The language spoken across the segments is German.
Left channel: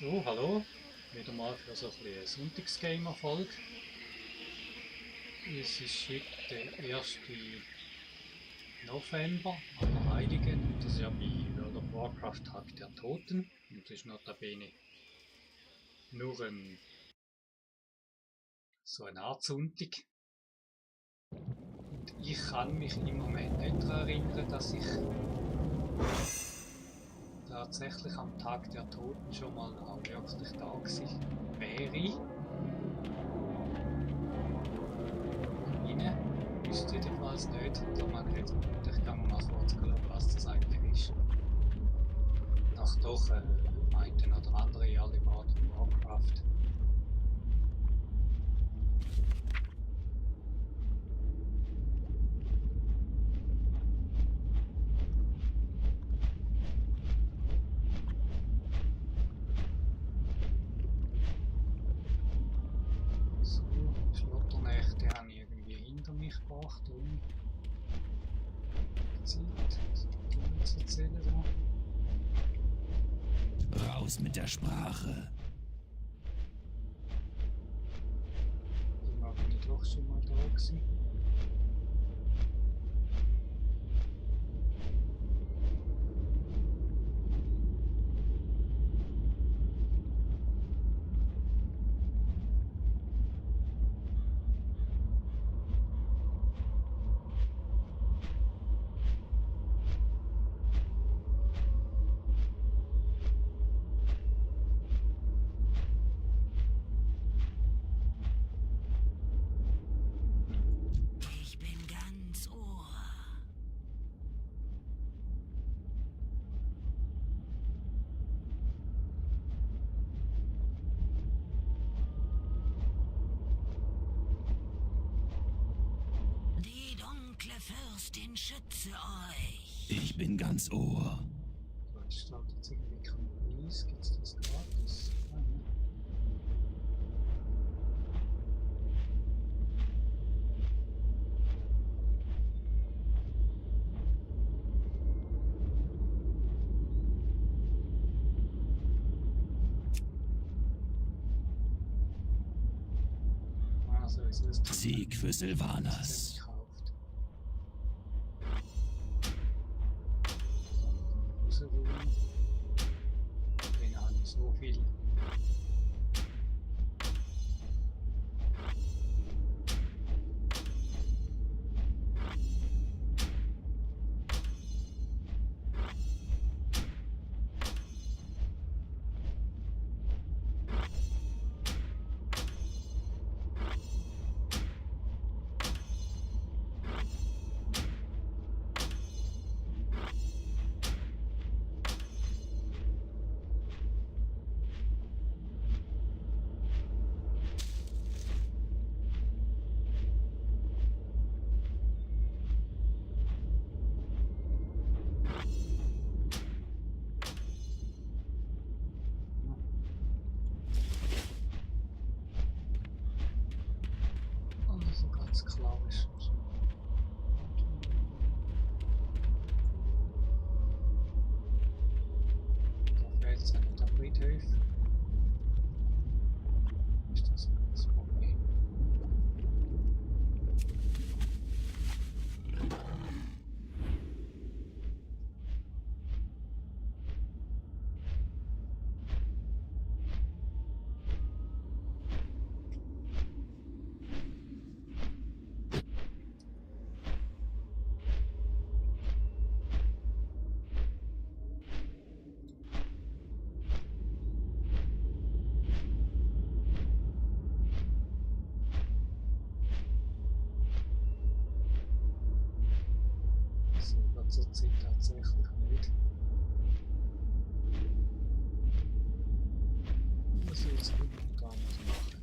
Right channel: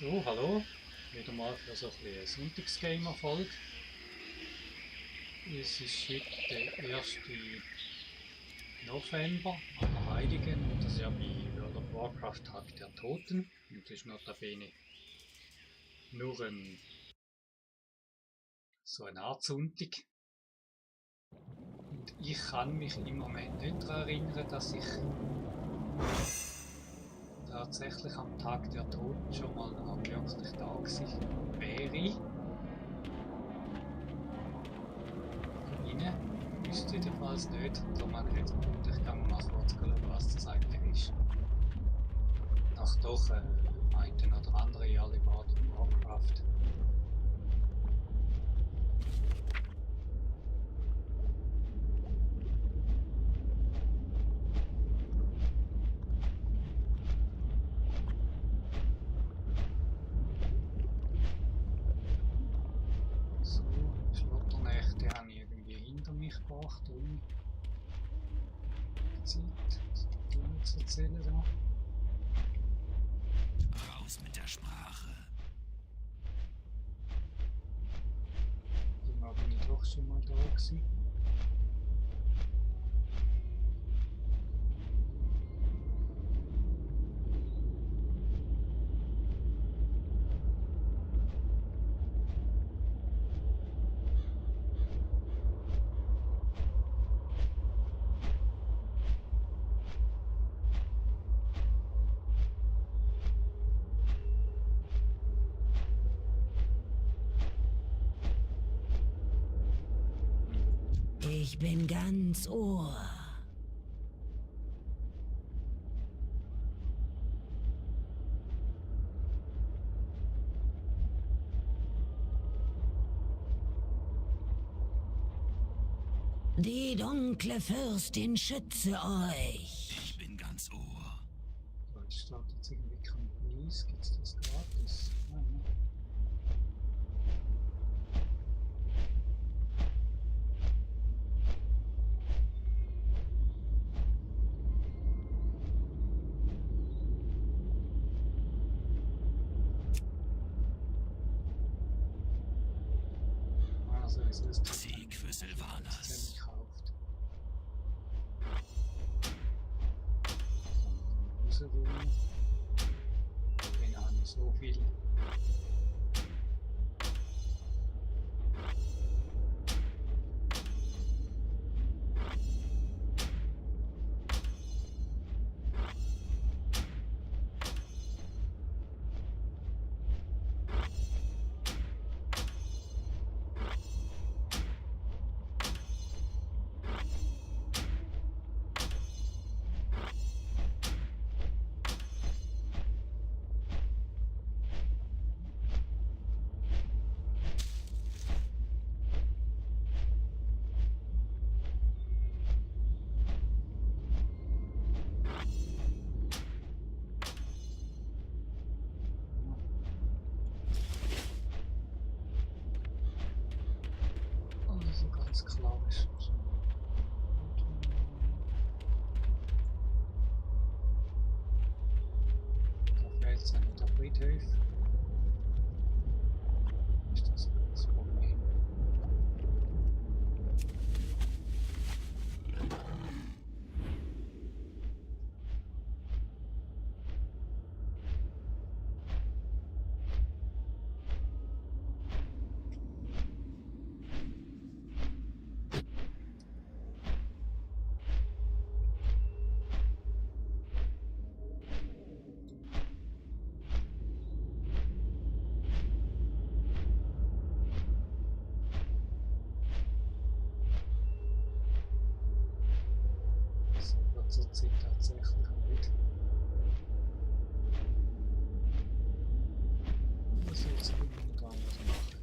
So, hallo. Wieder mal für so ein bisschen Sonntagsgamer-Folge. Es ist heute der 1. November, Allerheiligen, und das ist ja bei World of Warcraft Tag der Toten. Und das ist notabene nur so eine Art Sonntag. Und ich kann mich im Moment nicht daran erinnern, dass ich tatsächlich am Tag der Toten schon mal auch wirklich da gewesen wäre. Rein. Wüsste jedenfalls nicht. Darum habe ich jetzt gefunden, ich kann mal kurz schauen, was das eigentlich ist. Nach doch einen oder anderen Jahr in World of Warcraft. So, Schlotternächte habe ich irgendwie hinter mich gebracht, ohne Zeit. Was hat die noch zu erzählen da? Raus mit der Sprache. Irgendwann bin ich doch schon mal da gewesen. Ich bin ganz Ohr. Die dunkle Fürstin schütze euch. Ich bin ganz Ohr. Da ist startet jetzt irgendwie kein Preis. Gibt es das gratis? Ah, ne. Also, es ist Sieg für Sylvanas. gekauft. So, mit dem rausrühren. Den habe ich so viel. Ja. Also ganz klar ist. Da fehlt es an der Friedhof. Ist das das Problem? So wird zurzeit tatsächlich nicht. Was jetzt momentan was machen?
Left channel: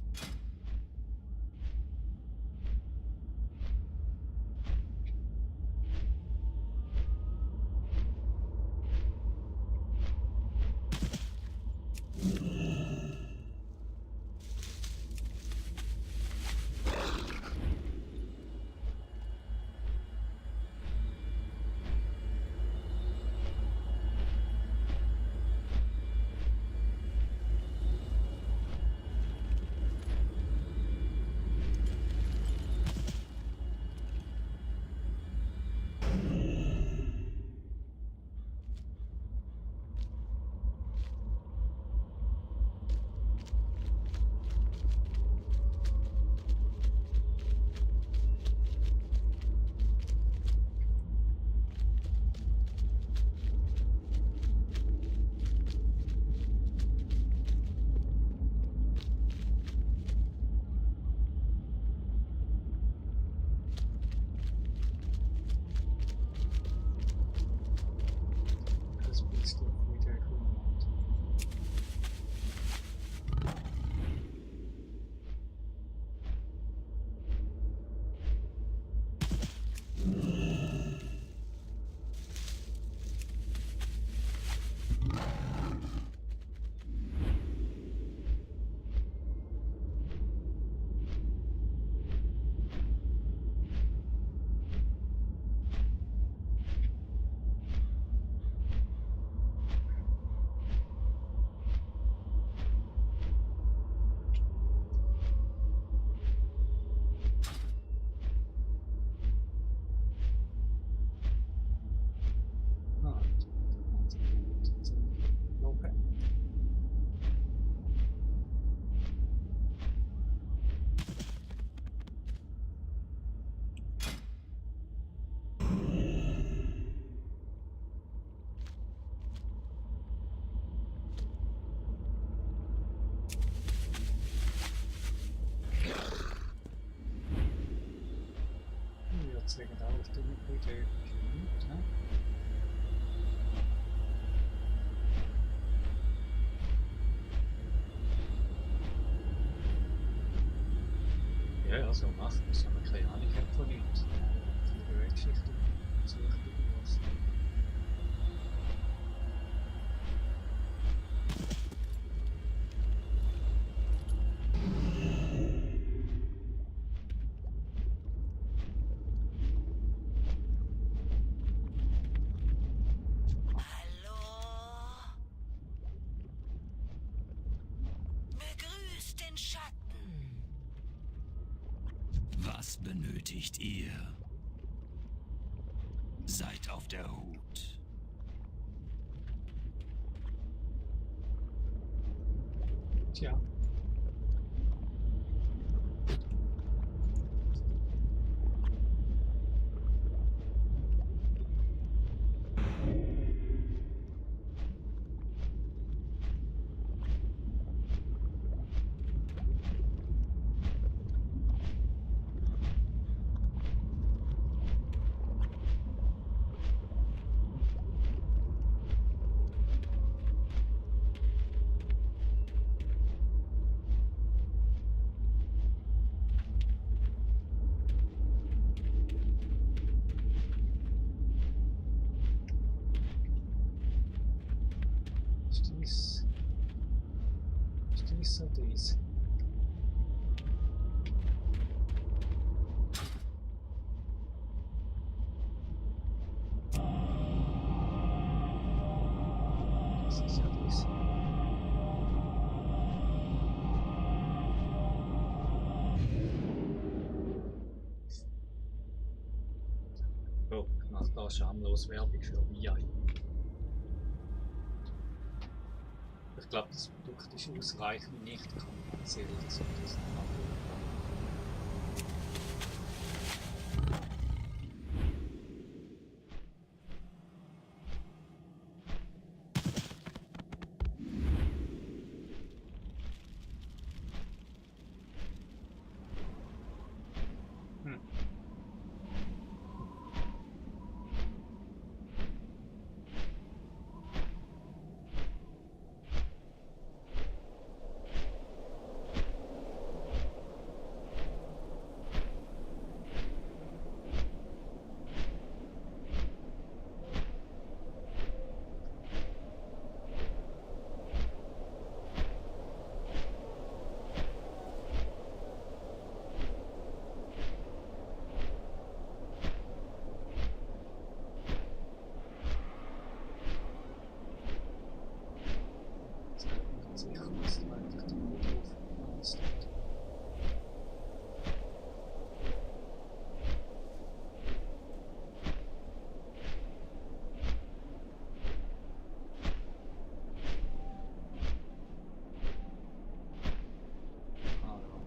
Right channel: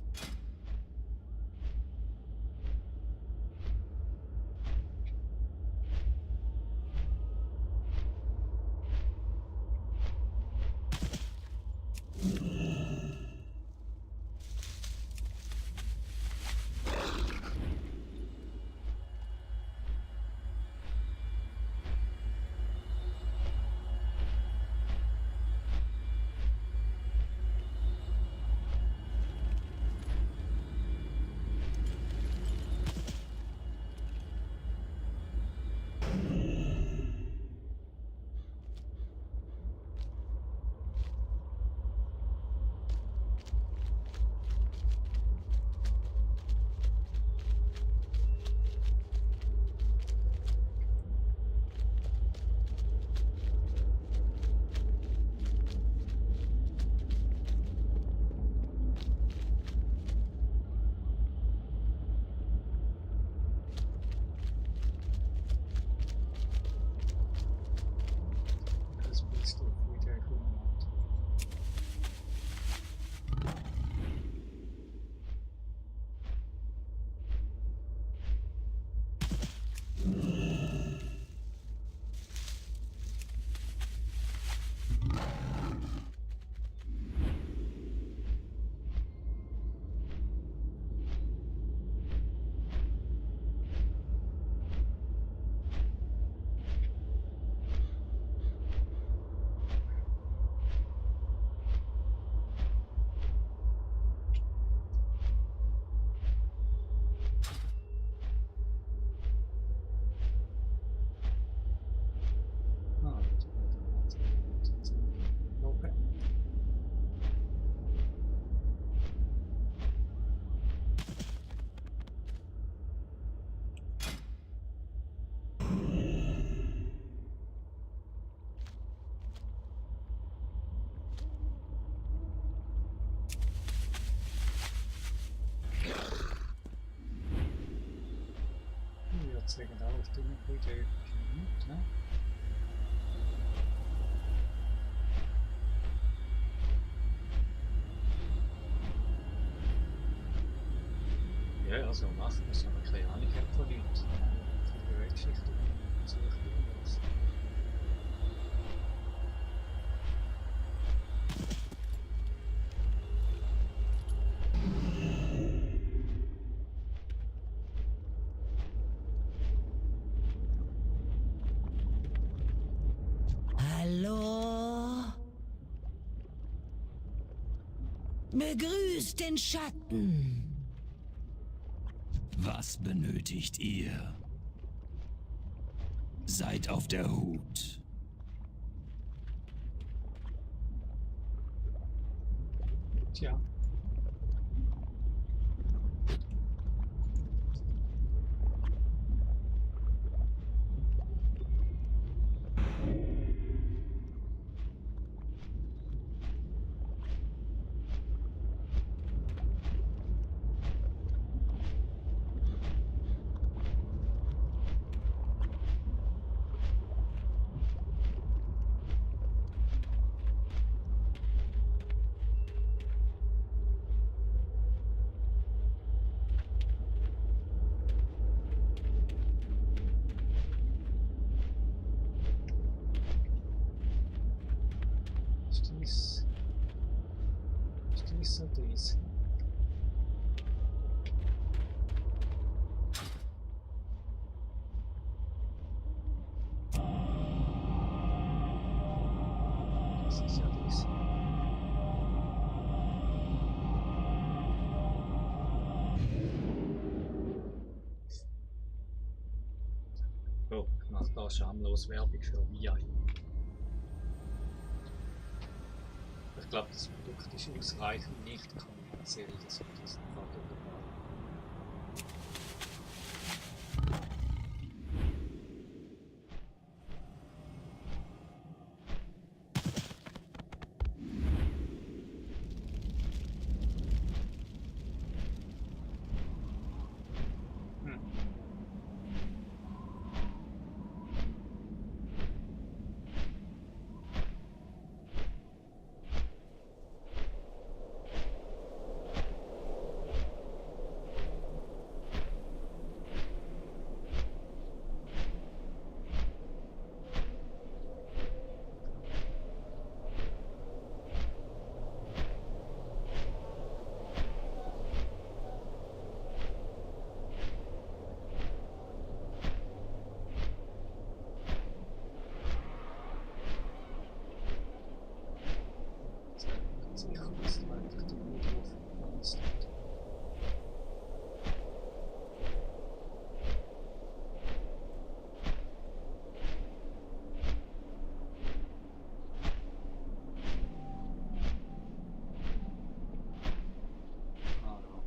das bisschen auf wieder macht. Ah, die ganze Zeit Loge. Ich würde sagen, auch die Mitglieder nicht, ne? Ja, ja, so macht man es, wenn man keine Ahnung hat von nichts. Viele Weltgeschichte sucht irgendwas. Hallo? Begrüßt den Schatten. Was benötigt ihr? Seid auf der Hut. Tja. Ist dies oder dies? Das ist ja dies. Oh, ich mache da schamlos Werbung für VI. Ich glaube, das Produkt ist ausreichend nicht kommerziell, dass man das nicht halt überall hat. Sicher, dass da einfach der Müll drauf gepflanzt hat. Ah ja.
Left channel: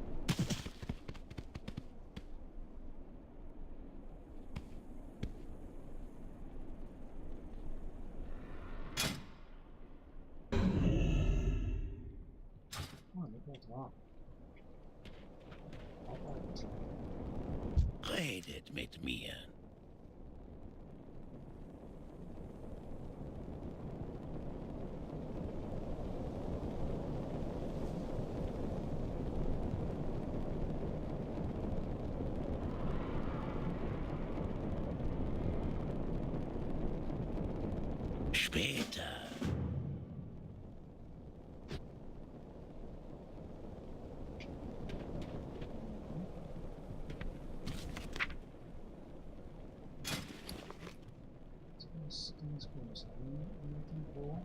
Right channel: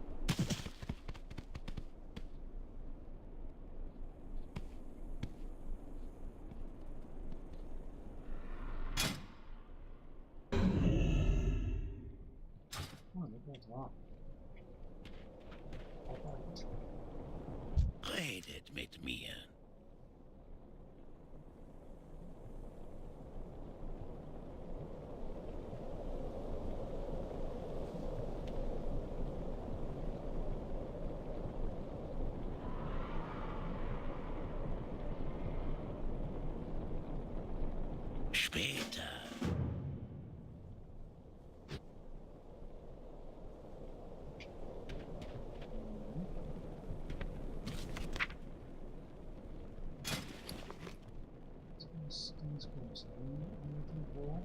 Ah, nicht mehr da. Arbeit. Redet mit mir. später. Das ist ganz groß. Irgendwo.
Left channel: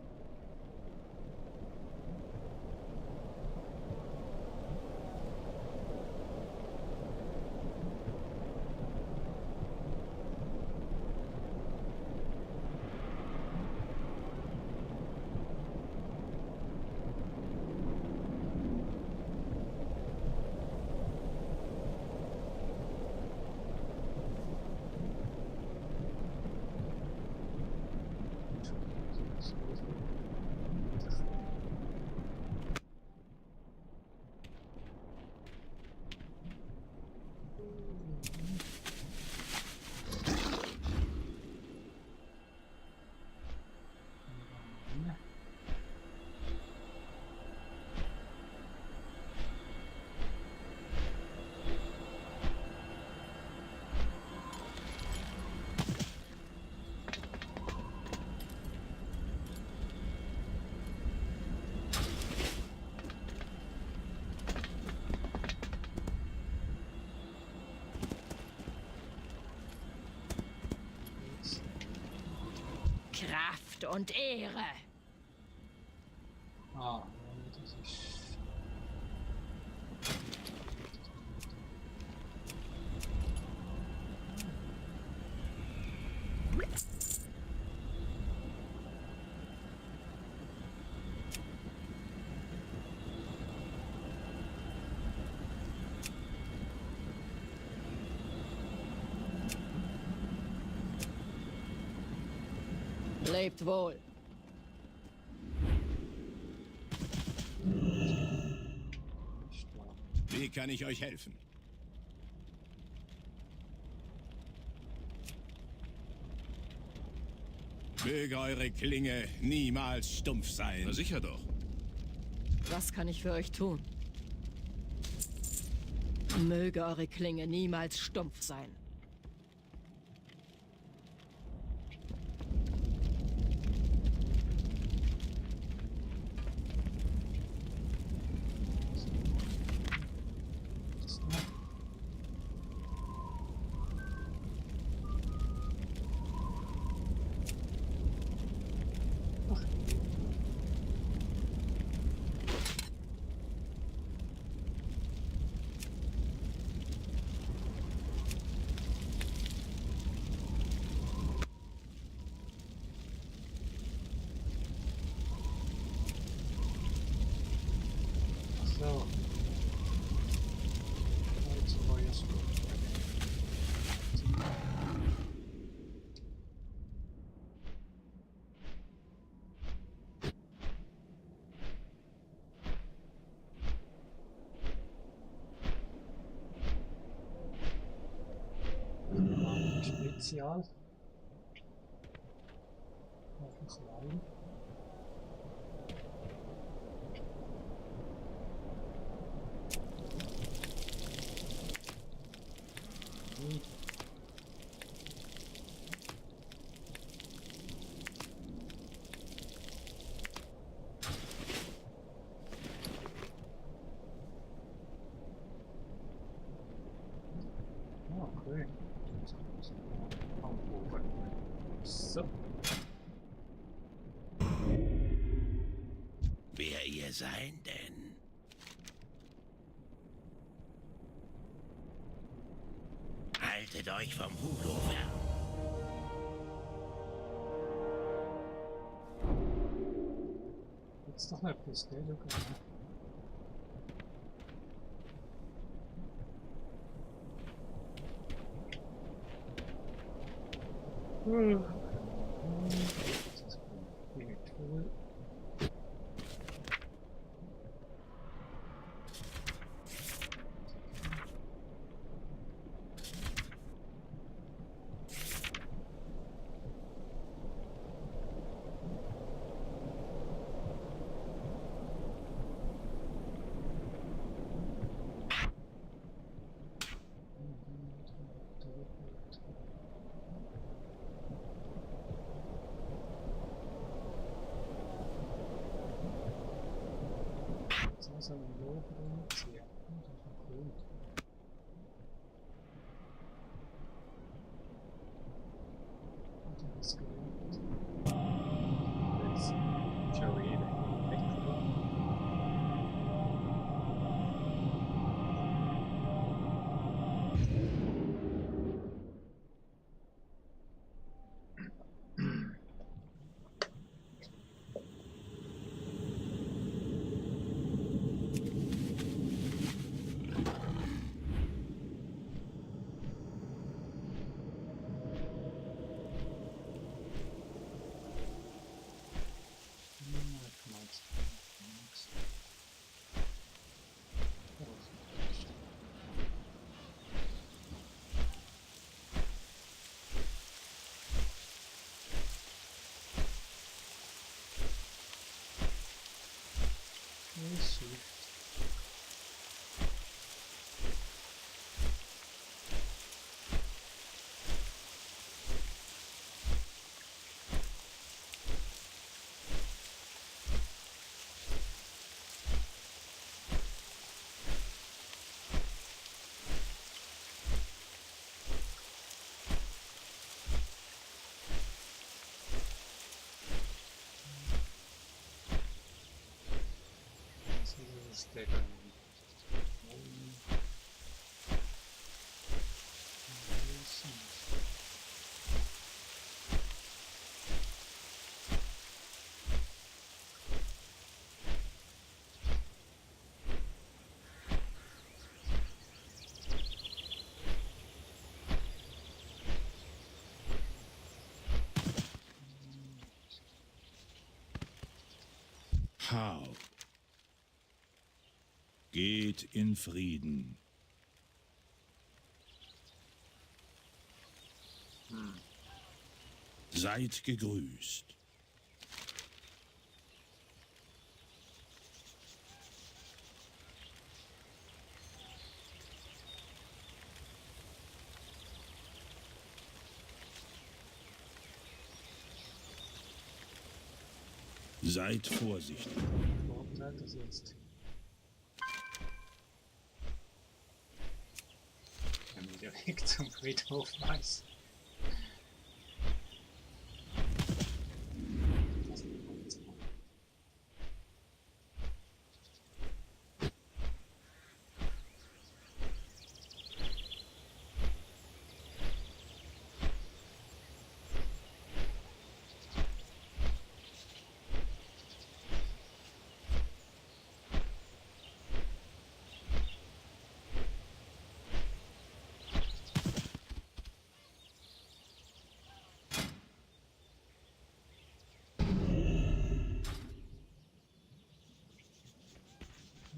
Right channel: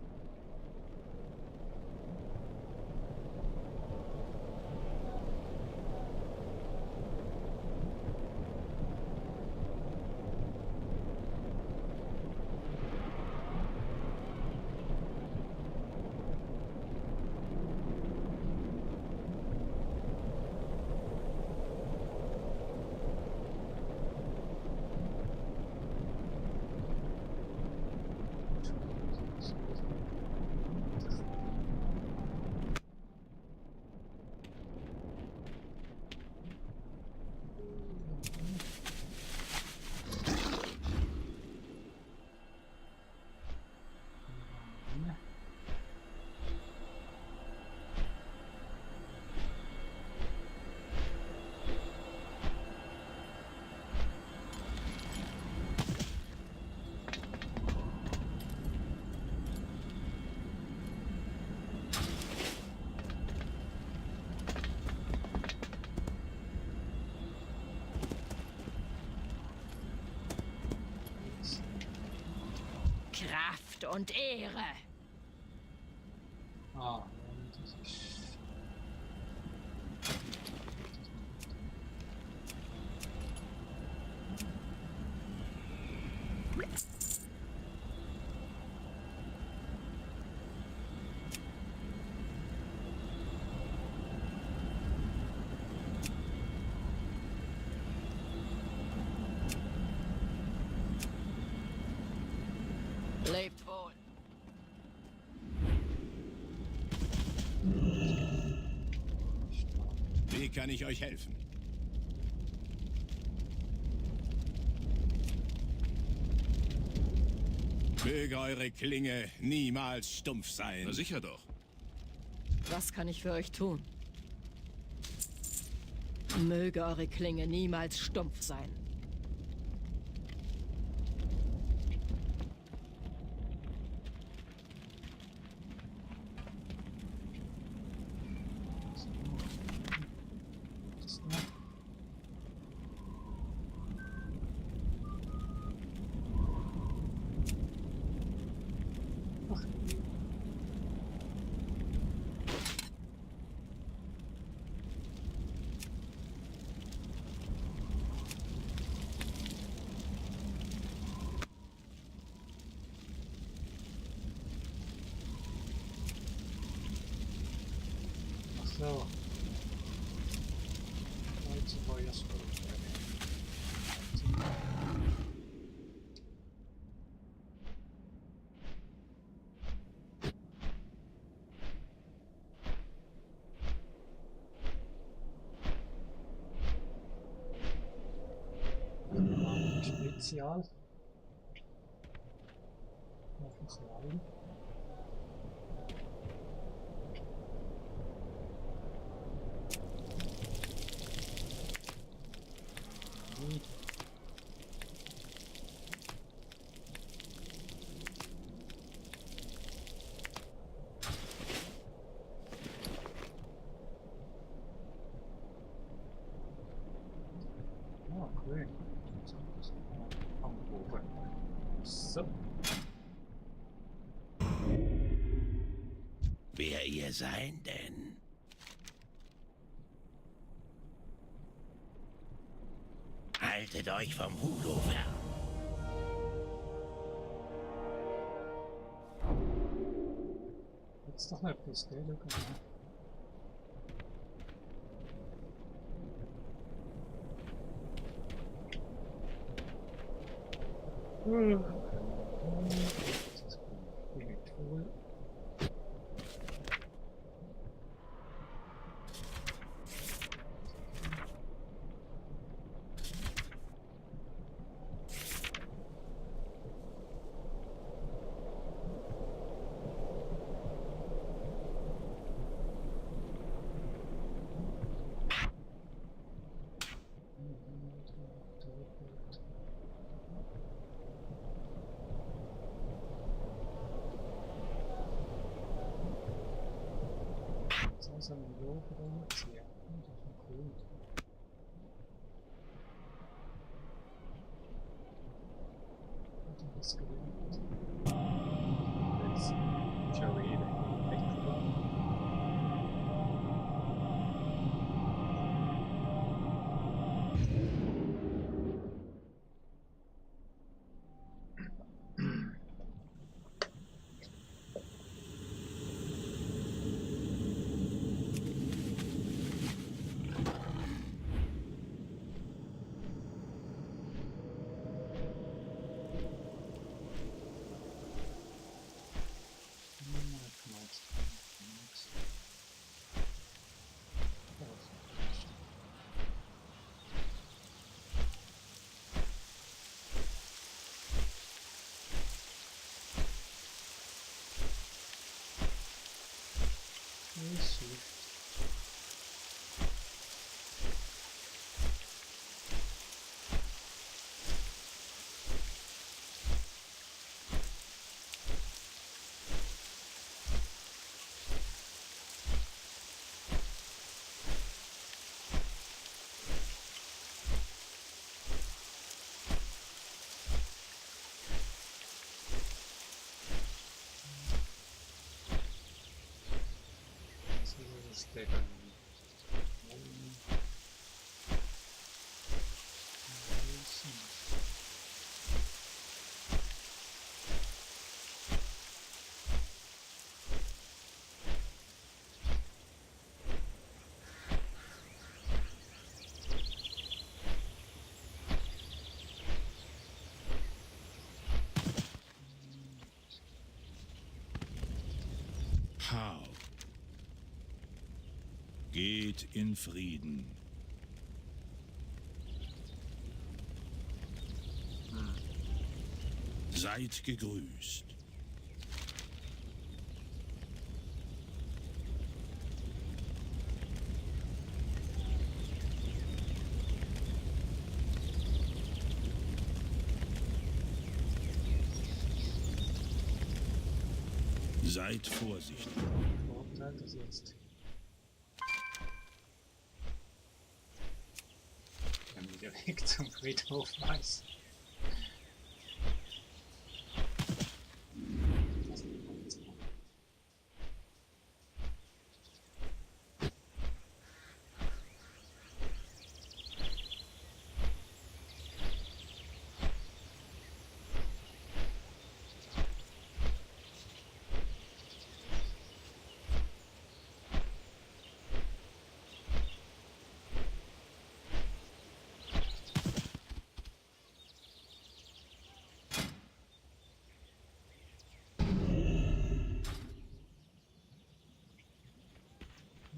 Kraft und Ehre. Ah, das ist. Lebt wohl. Stark. Wie kann ich euch helfen? Möge eure Klinge niemals stumpf sein. Na sicher doch. Was kann ich für euch tun? Möge eure Klinge niemals stumpf sein. Ach, je. Ach so. Heute Feuersport bei den Spezial. Einfach rein. Nee. Ah, okay. Jetzt muss ich am Bogen. So. Wer ihr sein denn? Haltet euch vom Voodoo fern. Jetzt doch nicht bis, gell, Luca? Das ist cool. so ein Logo da einziehen. Das ist noch cool. Und ich was gelernt. Jetzt schau ich weggegangen. Isso. Der dann How. Geht in Frieden. Seid gegrüßt. Seid vorsichtig. Vorteil, dass jetzt der Weg zum Friedhof weiß.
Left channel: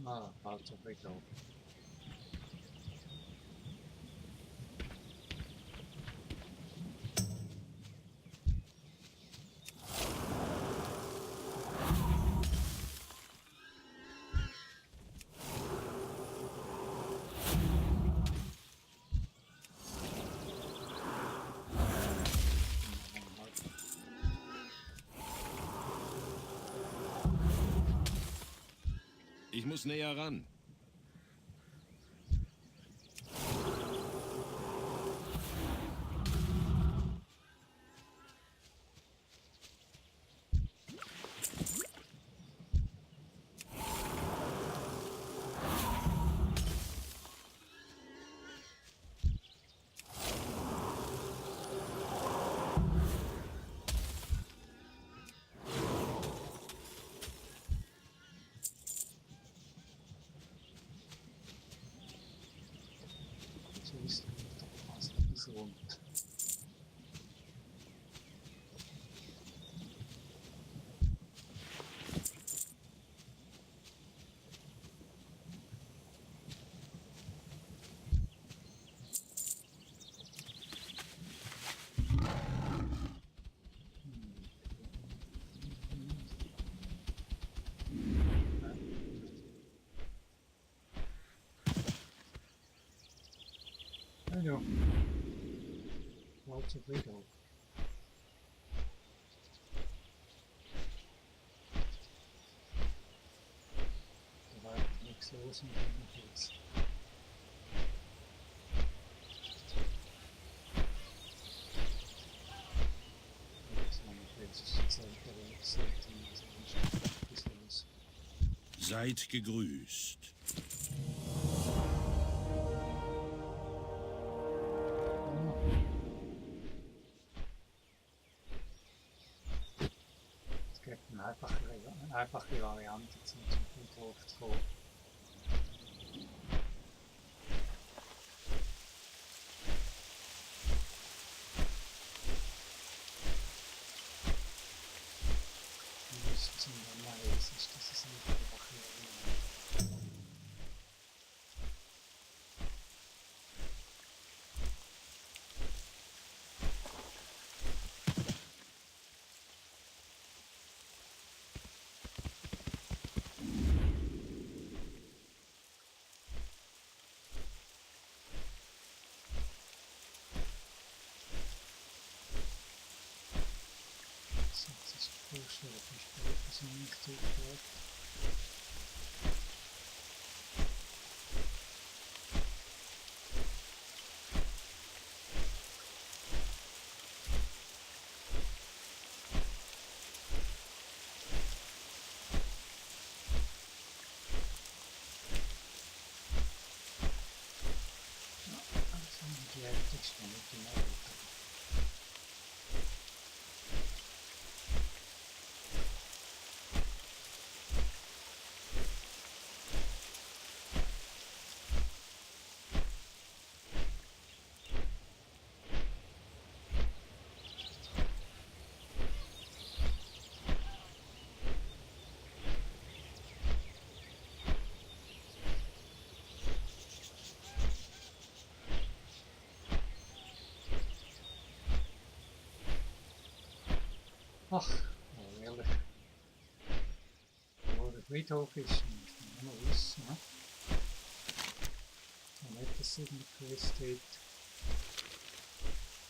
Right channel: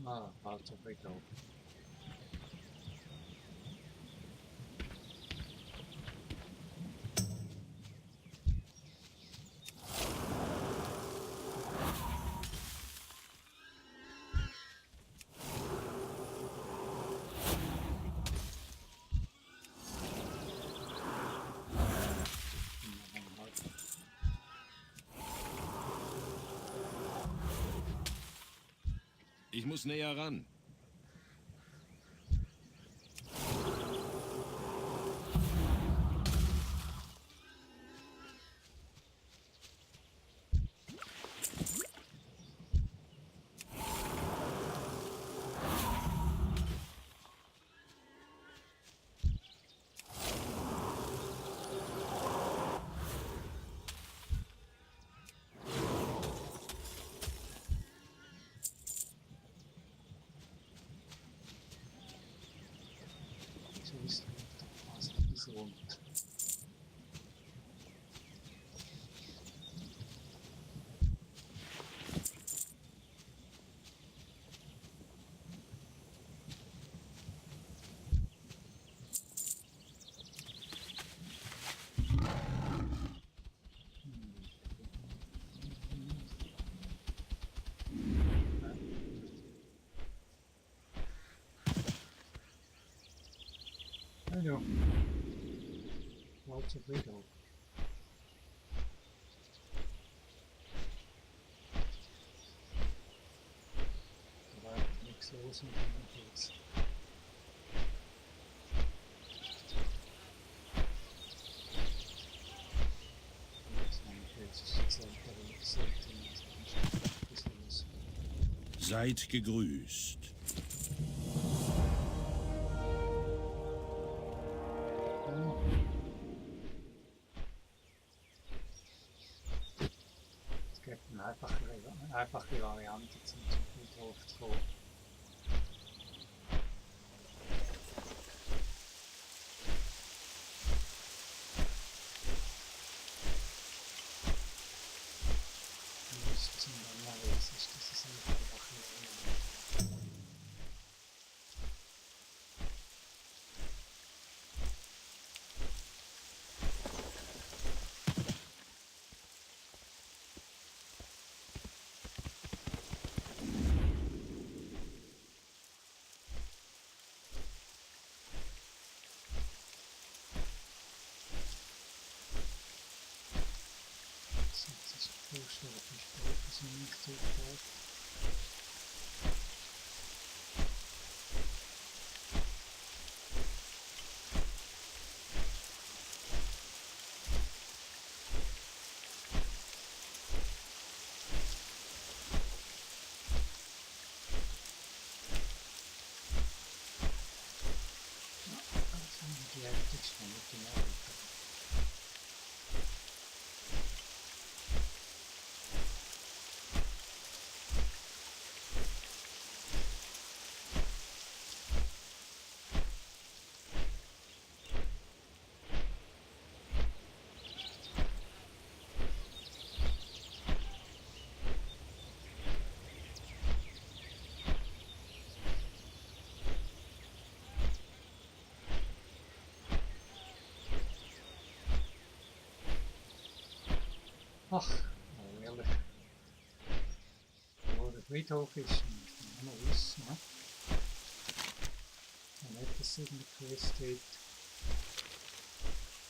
Ah, Walter Friedhof. Ich muss näher ran. So ist fast ein bisschen rund. Ja. Walter Friedhof. Der war da sind, wenn ich jetzt. Das war nicht jetzt selten, aber ich sollte ihn also anschauen. Ein bisschen was. Seid gegrüßt. Ja. Es gibt eine einfache Variante zum Friedhof zu kommen. Die müssten zum dann mal jetzt ist das eine einfache Variante. So, jetzt ist die Vorstellung, wie spät das nicht zurückgeht. Also die ältesten mit den Eltern. Ach, oh, ehrlich. Wo der Friedhof ist, muss man noch wissen. Ne? Und nicht, dass es in der Quest steht.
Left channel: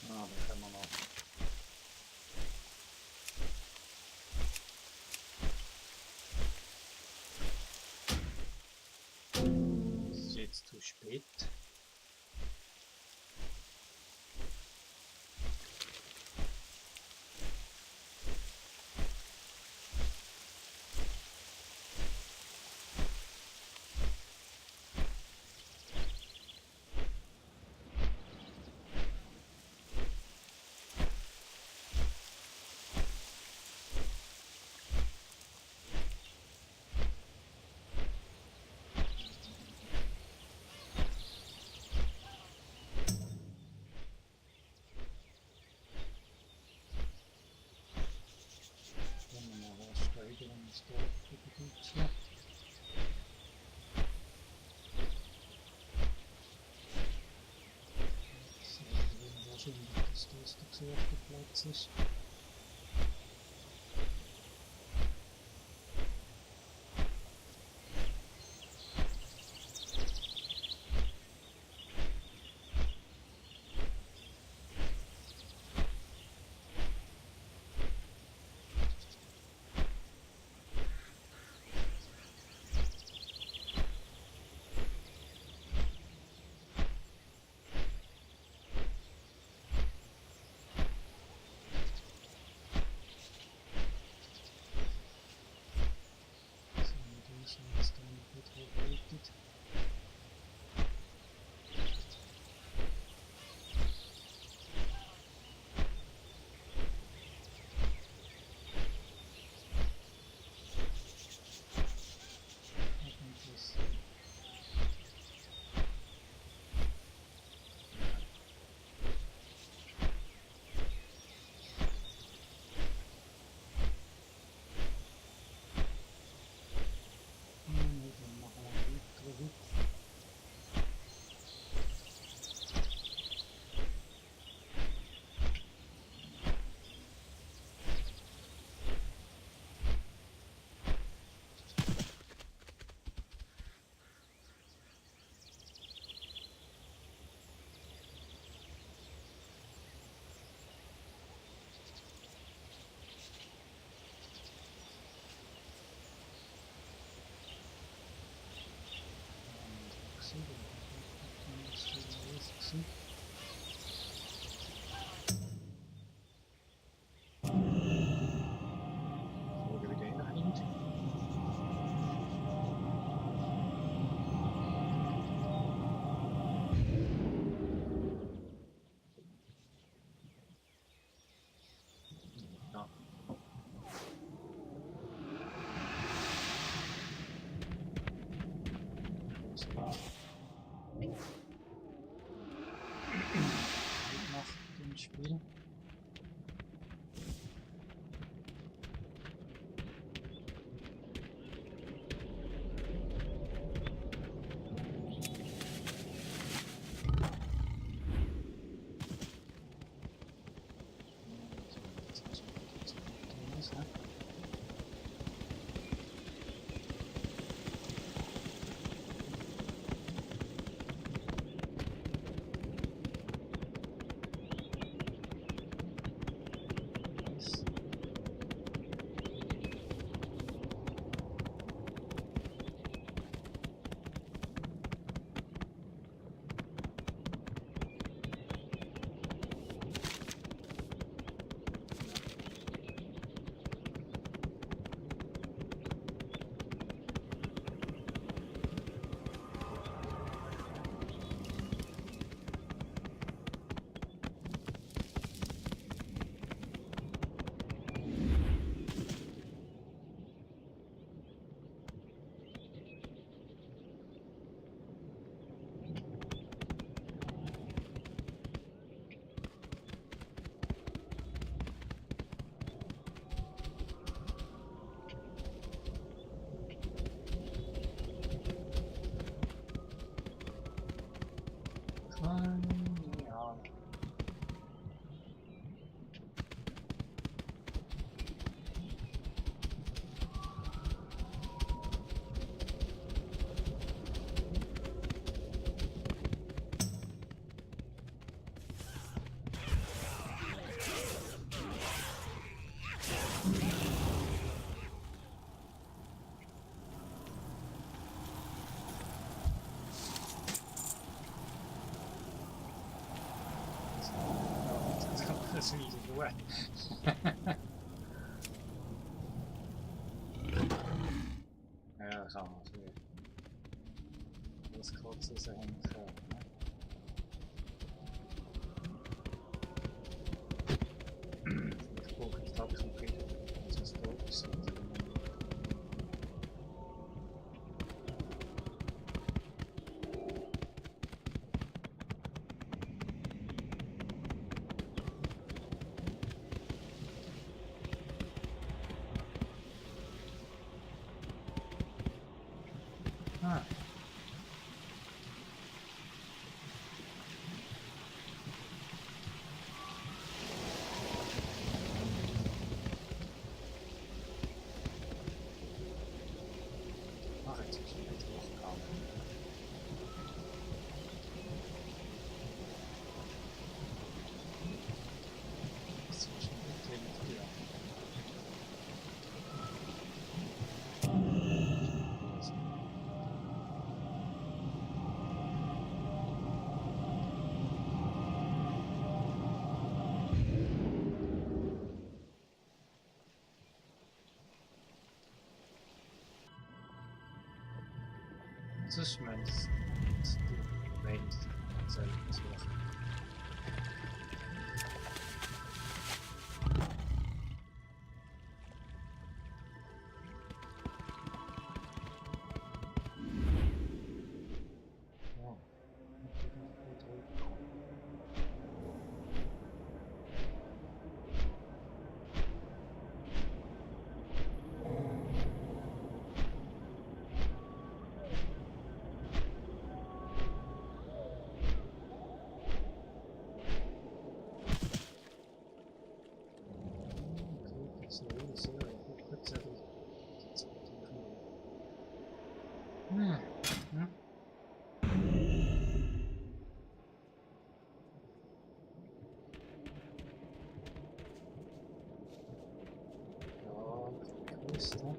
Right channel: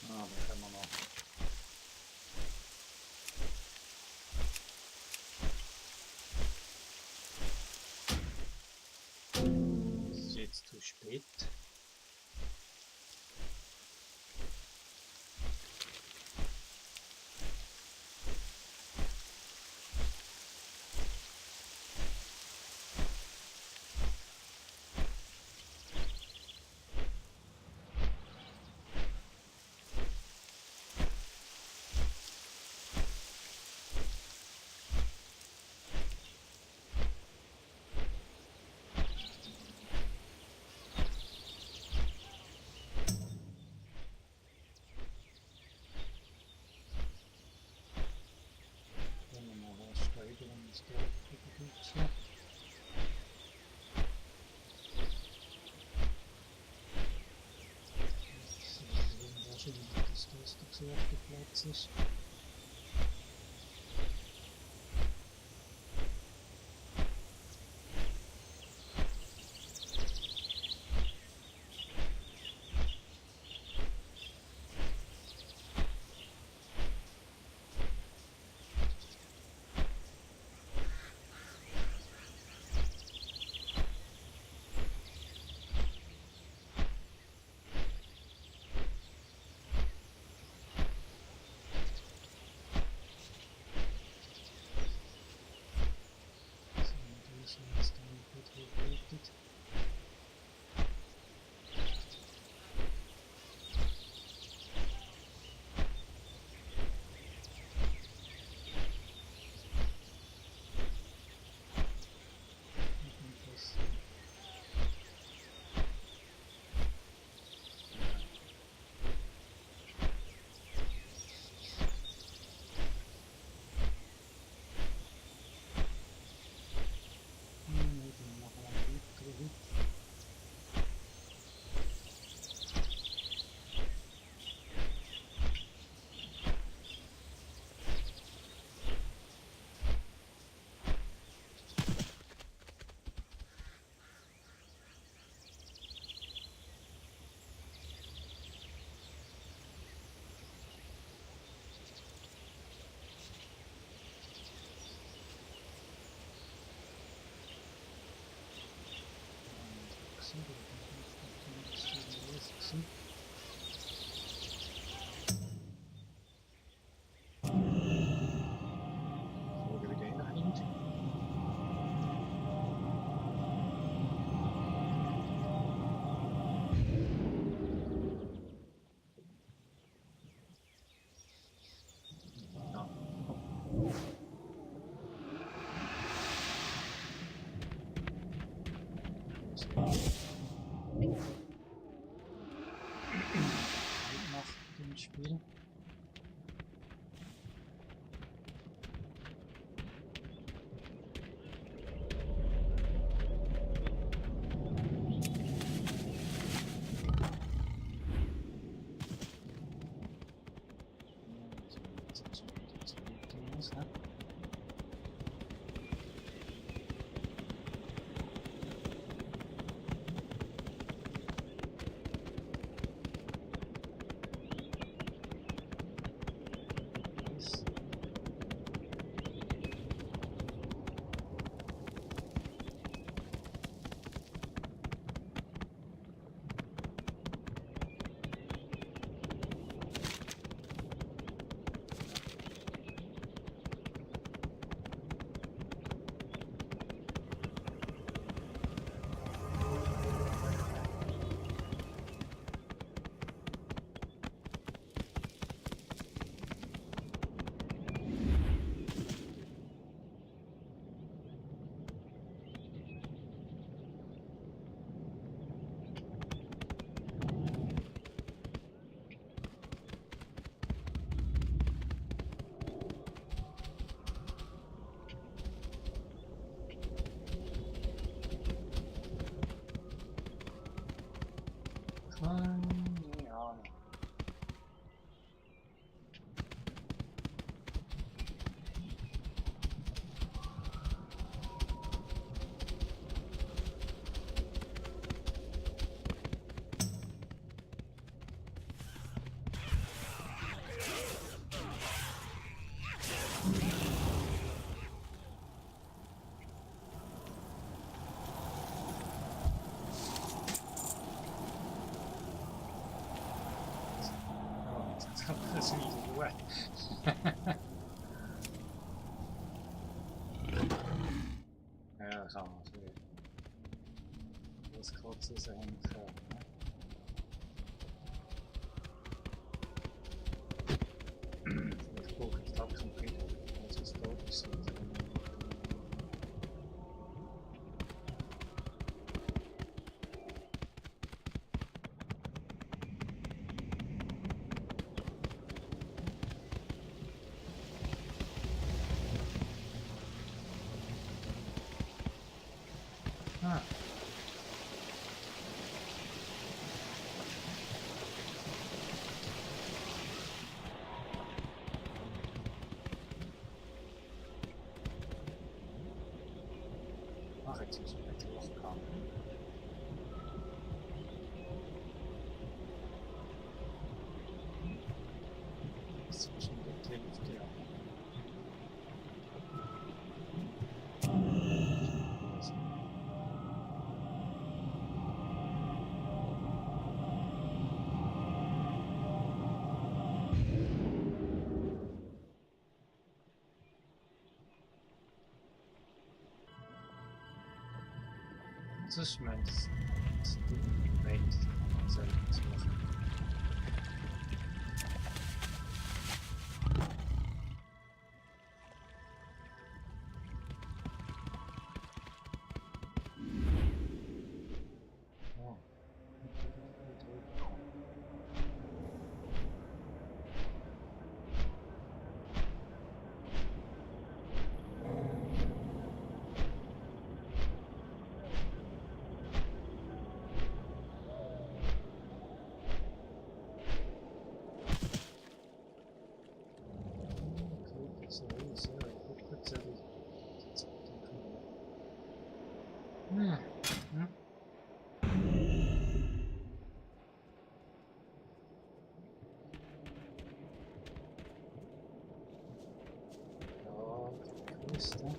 Ah, da können wir noch. Es ist jetzt zu spät. Wenn wir mal was steigern, ist da wieder gut so. Sehr wahrscheinlich, dass das der gesuchte Platz ist. Keine Ahnung. Oh, das ist wieder Ruhe. Ja, kann man für das kurz raushängen. Ne? Vielleicht brauche ich da keinen Friedhof, also es tot ist. Ah. Ach, jetzt ist es weiter hochgegangen. Das ist wahrscheinlich der Thema für die anderen. Das ist mein Welt, selten zu machen. Oh, gut hochgekommen. So ist ja Rückzettel. Jetzt denken wir. Ja. Ja, grüßt, ne?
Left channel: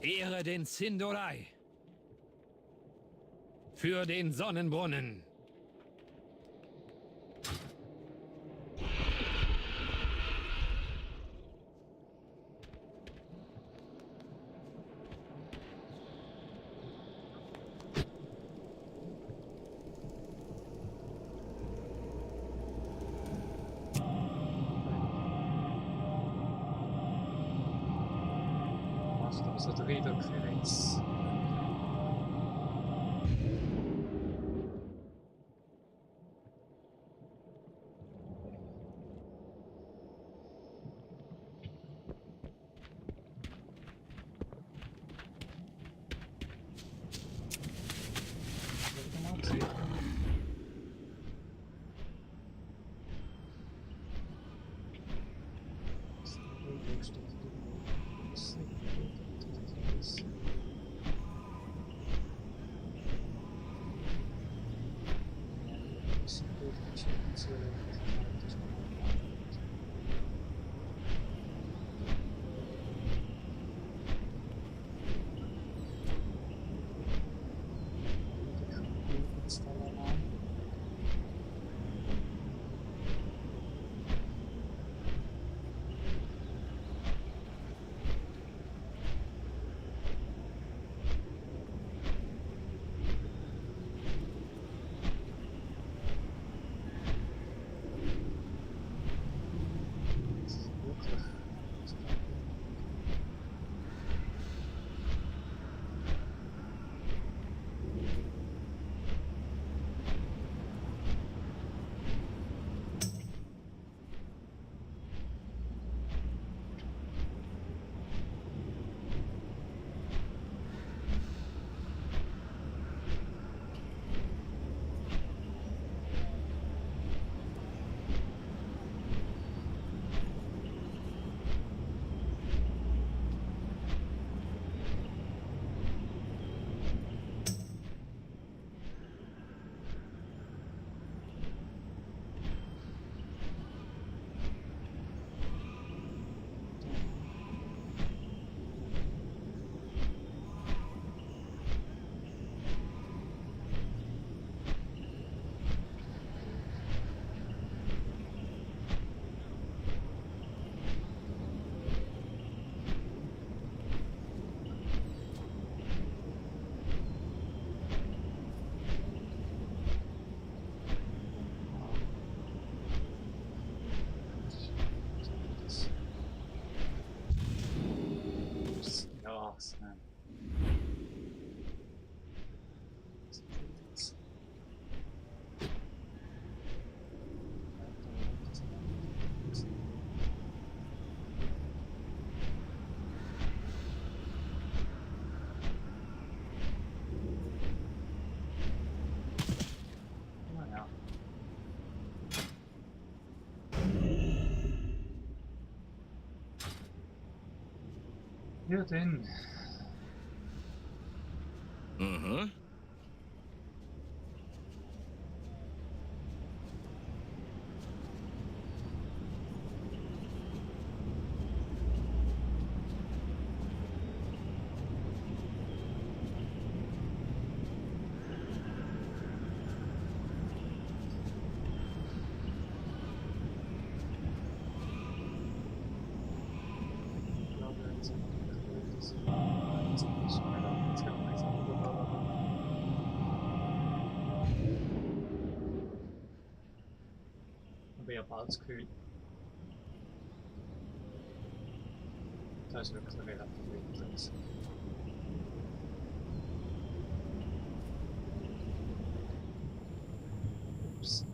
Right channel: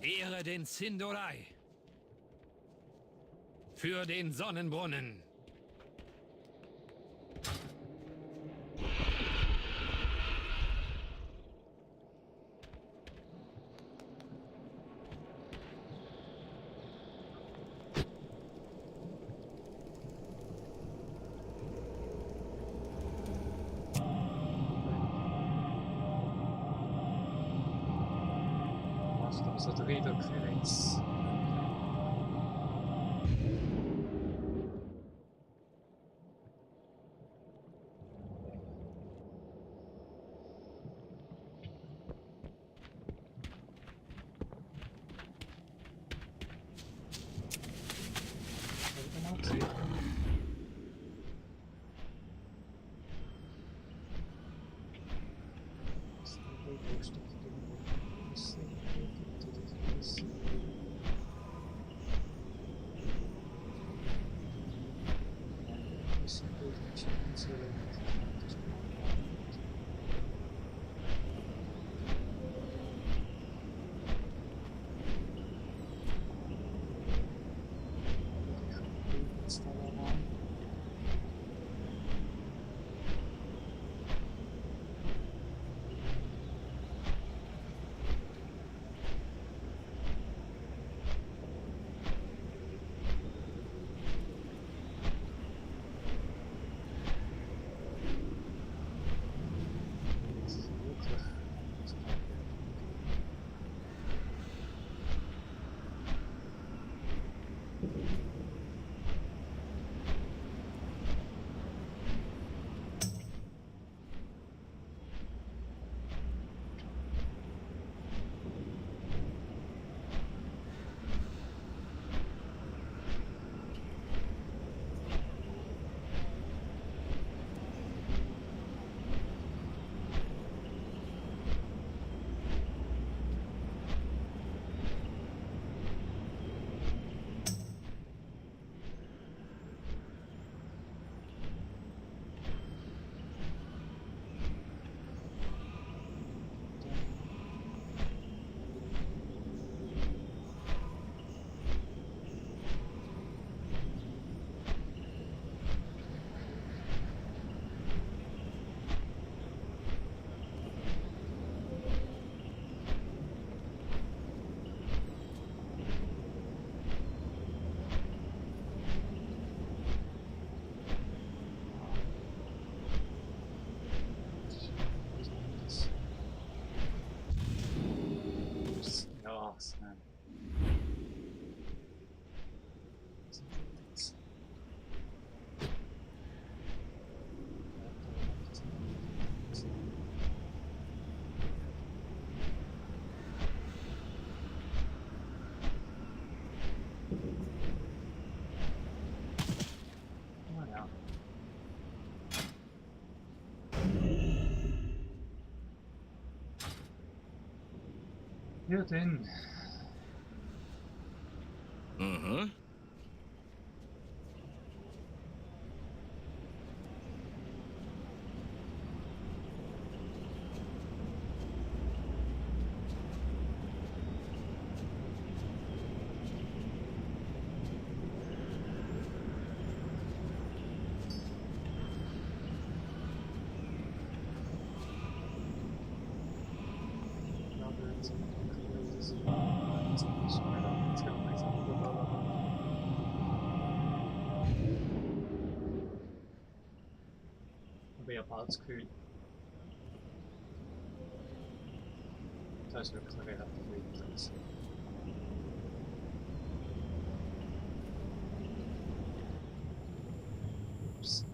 Ehre den Sindorai. Für den Sonnenbrunnen. Macht also der Eindruck für jetzt. Habe ich mal gesehen. Da steht irgendwo Risse, das Risse. Und dann wird Risse durch die Schädenswellendigkeit schon mal gelandet. Alle die Kriegstaler rein. Ja, dann. Aha. Ich glaube, jetzt mal aktuell das jetzt ein bisschen schneller. Jetzt kann man es aber ja, bald zu kühl. Das ist wirklich relativ wenig los. Ups.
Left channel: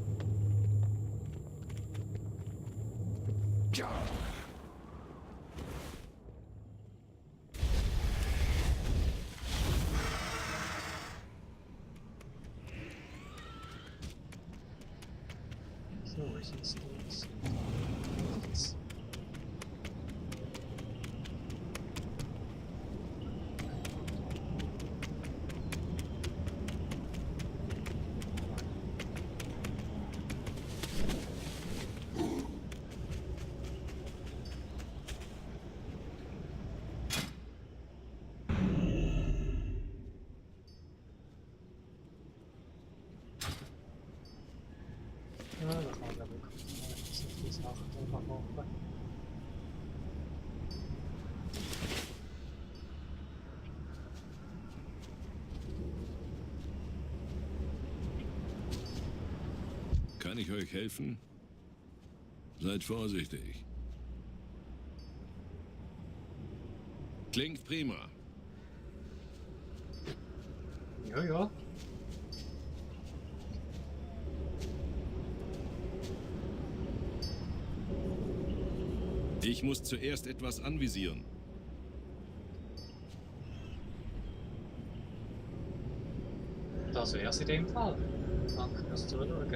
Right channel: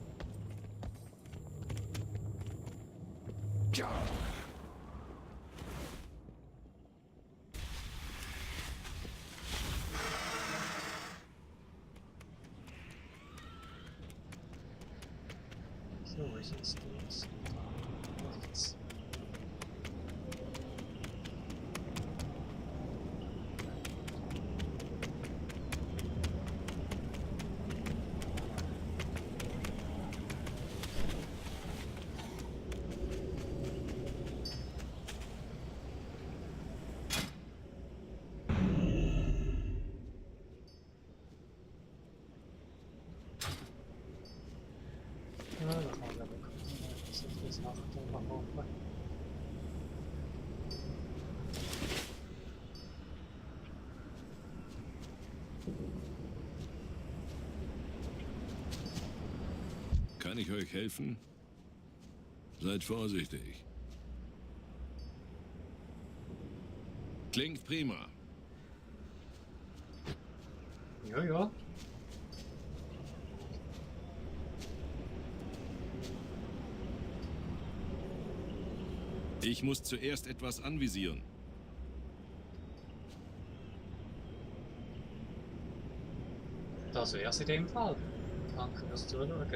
So, ist jetzt das und dann rechts. Ja, da kann man ja wirklich noch so viele Sachen einfach hoffen. Kann ich euch helfen? Seid vorsichtig. Klingt prima. Ja, ja. Ich muss zuerst etwas anvisieren. Das wär's in dem Fall. Danke fürs Zuschauen.